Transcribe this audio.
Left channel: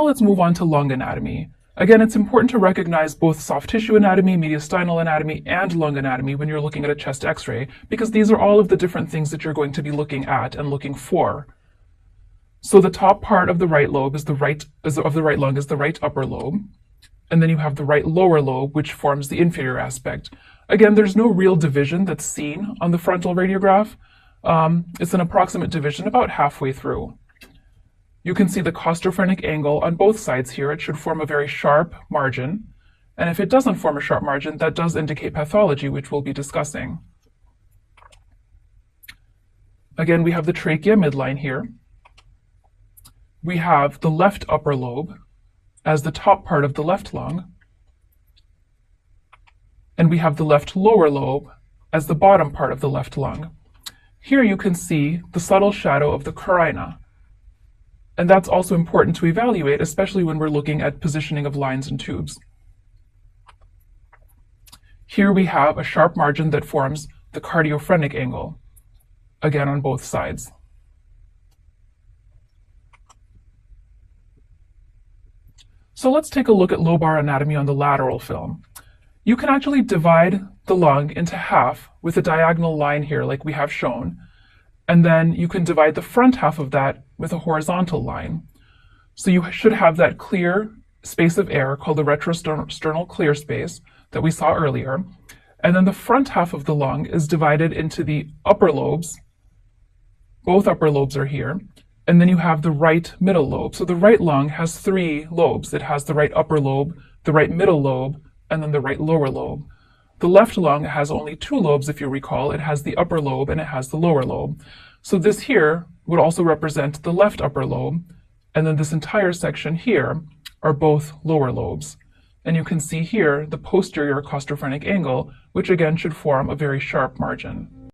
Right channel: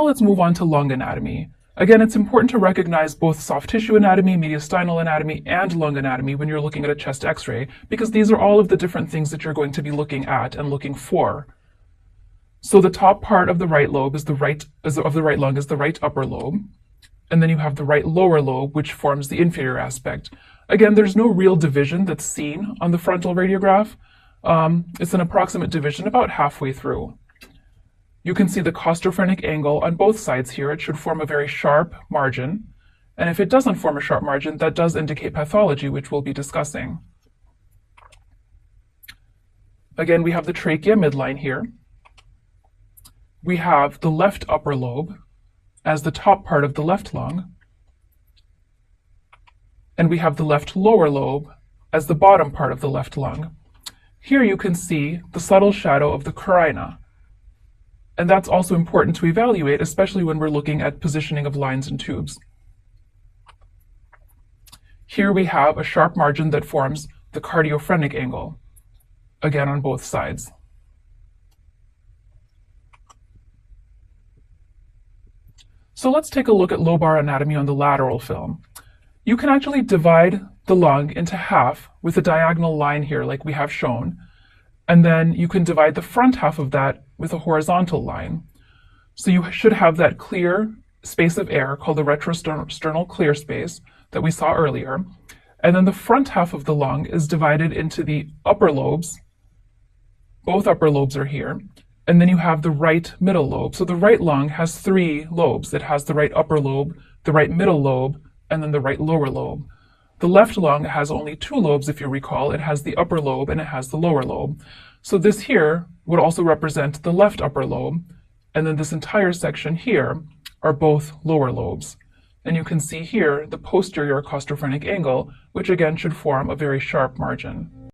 Now let's move on to lung anatomy. Again, it's important to recognize both soft tissue anatomy, mediastinal anatomy, and lung anatomy when you're looking at a chest x-ray, because these are all of the different things that you're going to be looking at and looking for. So the top part of the right lobe is the right lung is the right upper lobe, and then you have the right lower lobe, which forms the inferior aspect. Again, there's no real division that's seen on the frontal radiograph. It's an approximate division about halfway through. You can see the costophrenic angle on both sides here. It should form a very sharp margin. And if it doesn't form a sharp margin, that does indicate pathology, which we'll be discussing. Again, we have the trachea midline here. We have the left upper lobe as the top part of the left lung. And we have the left lower lobe as the bottom part of the left lung. Here you can see the subtle shadow of the carina. And that's also important to evaluate, especially when we're looking at positioning of lines and tubes. Here we have a sharp margin that forms the cardiophrenic angle, again on both sides. So let's take a look at lobar anatomy on the lateral film. You can actually divide the lung into half with a diagonal line here like we have shown, and then you can divide the front half of that with a horizontal line. So you should have that clear space of air called the retrosternal clear space that we saw earlier. And then the front half of the lung is divided into the upper lobes. Both upper lobes are here. And then you have the right middle lobe. So the right lung has 3 lobes. It has the right upper lobe, the right middle lobe, and then the right lower lobe. The left lung has only 2 lobes, if you recall. It has the upper lobe and it has the lower lobe. So this here would also represent the left upper lobe, and then this entire section here are both lower lobes. And you can see here the posterior costophrenic angle, which again should form a very sharp margin.